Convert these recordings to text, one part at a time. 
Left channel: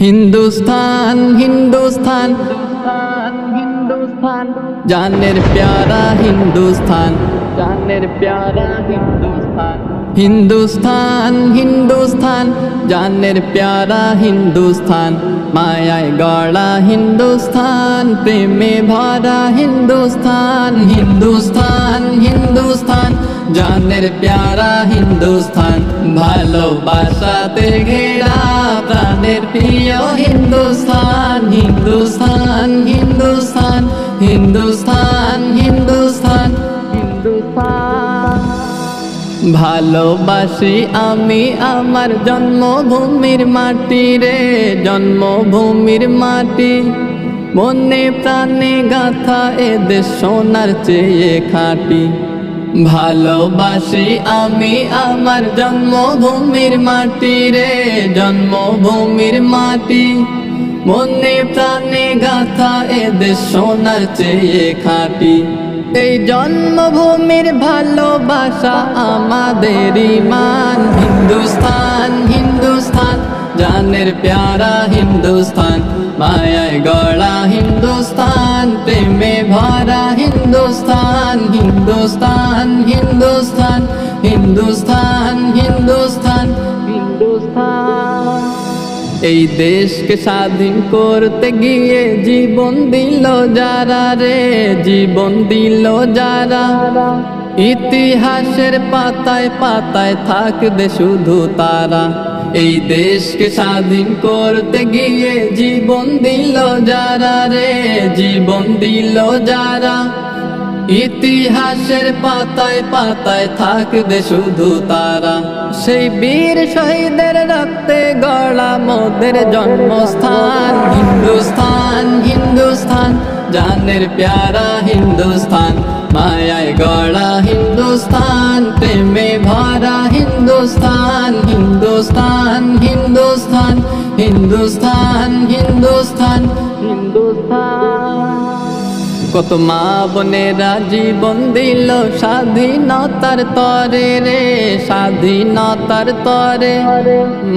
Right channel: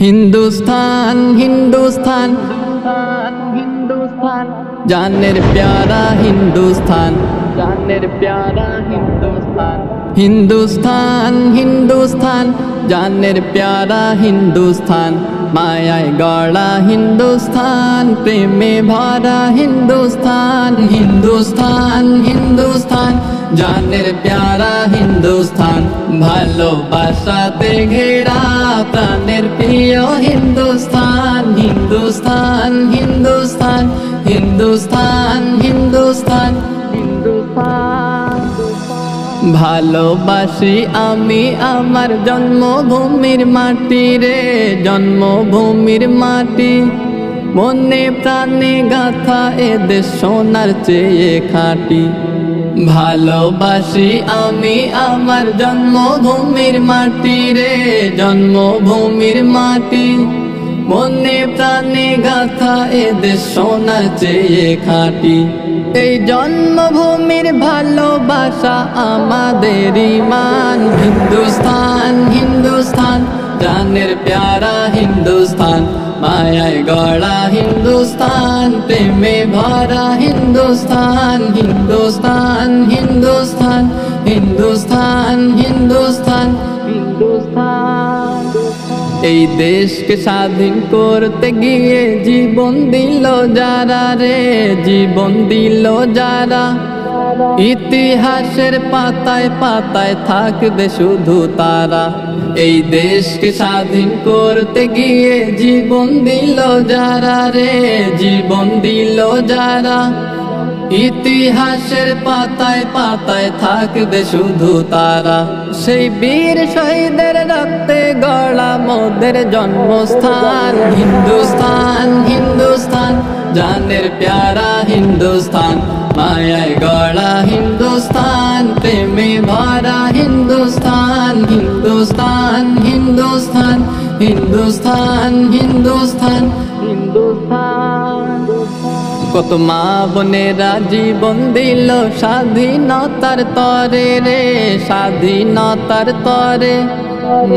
हिंदुस्तान हिंदुस्तान हिंदुस्तान जानेर प्यारा हिंदुस्तान जानेर प्यारा हिंदुस्तान हिंदुस्तान हिंदुस्तान जानेर प्यारा हिंदुस्तान मायाय गड़ा हिंदुस्तान प्रेमे भरा हिंदुस्तान हिंदुस्तान हिंदुस्तान जानेर प्यारा हिंदुस्तान भालोबासाते घेरा प्राणेर प्रिय हिंदुस्तान हिंदुस्तान हिंदुस्तान हिंदुस्तान हिंदुस्तान हिंदुस्तान भालोबासी आमी आमार जन्मभूमिर माटी रे जन्मभूमिर माटी मने प्राणे गाथा ए देश सोनार चेये खाटी भालोबासी आमी आमार जन्मभूमिर माटी रे जन्मभूमिर माटी मने प्राणे गाथा ए देश सोनार चेये खाटी এই জন্মভূমির ভালোবাসা আমাদের ঈমান হিন্দুস্তান হিন্দুস্তান জানের প্যারা হিন্দুস্তান মায়ায় গড়া হিন্দুস্তান প্রেমে ভরা হিন্দুস্তান হিন্দুস্তান হিন্দুস্তান হিন্দুস্তান হিন্দুস্তান হিন্দুস্তান এই দেশকে স্বাধীন করতে গিয়ে জীবন দিল যারা রে জীবন দিল যারা ইতিহাসের পাতায় পাতায় থাকবে শুধু তারা এই দেশকে স্বাধীন করতে গিয়ে জীবন দিল যারা রে জীবন দিল যারা ইতিহাসের পাতায় পাতায় থাকবে শুধু তারা সেই বীর শহীদের রক্তে গড়া মোদের জন্মস্থান হিন্দুস্তান হিন্দুস্তান জানের প্যারা হিন্দুস্তান মায়ায় গড়া হিন্দুস্তান প্রেমে ভরা হিন্দুস্তান হিন্দুস্তান হিন্দুস্তান হিন্দুস্তান হিন্দুস্তান হিন্দুস্তান কত মা বোনেরা জীবন দিল স্বাধীনতার তরে রে স্বাধীনতার তরে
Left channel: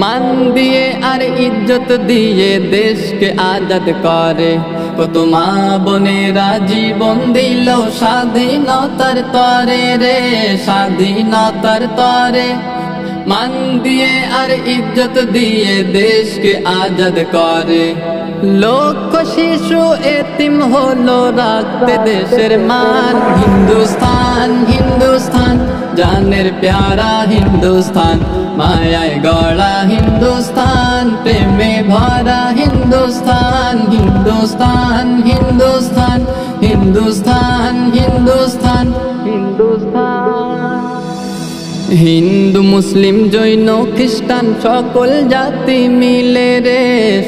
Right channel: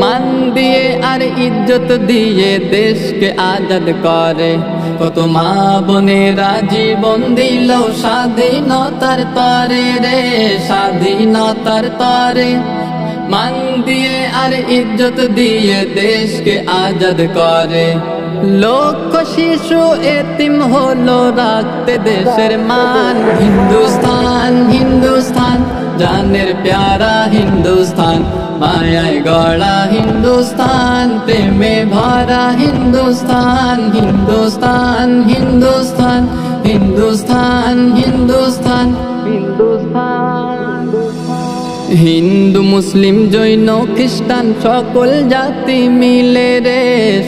মান দিয়ে আর ইজ্জত দিয়ে দেশকে আজাদ করে কত মা বোনেরা জীবন দিল স্বাধীনতার তরে রে স্বাধীনতার তরে মান দিয়ে আর ইজ্জত দিয়ে দেশকে আজাদ করে লক্ষ শিশু এতিম হলো রাখতে দেশের মান হিন্দুস্তান হিন্দুস্তান জানের প্যারা হিন্দুস্তান মায়ায় গড়া হিন্দুস্তান প্রেমে ভরা হিন্দুস্তান হিন্দুস্তান হিন্দুস্তান হিন্দুস্তান হিন্দুস্তান হিন্দুস্তান হিন্দু মুসলিম জৈন খ্রিস্টান সকল জাতি মিলে রে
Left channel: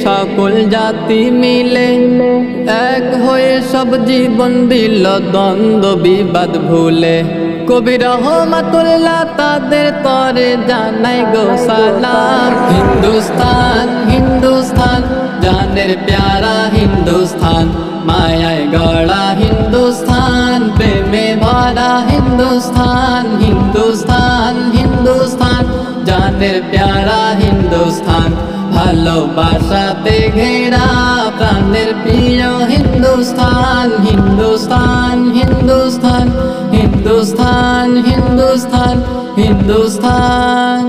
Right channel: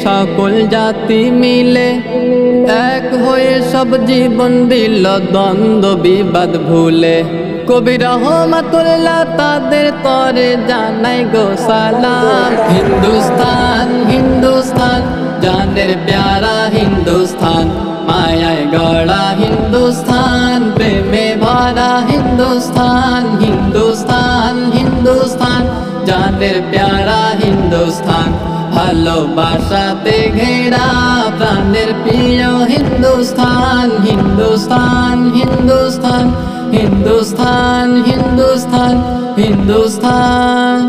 সকল জাতি মিলে এক হয়ে সব জীবন দিল দ্বন্দ্ব বিবাদ ভুলে কবি রহমাতুল্লাহ তাদের তরে জানাই গো সালাম হিন্দুস্তান হিন্দুস্তান জানের প্যারা হিন্দুস্তান মায়ায় গড়া হিন্দুস্তান প্রেমে ভরা হিন্দুস্তান হিন্দুস্তান হিন্দুস্তান জানের প্যারা হিন্দুস্তান ভালোবাসাতে ঘেরা প্রাণের প্রিয় হিন্দুস্তান হিন্দুস্তান হিন্দুস্তান হিন্দুস্তান হিন্দুস্তান হিন্দুস্তান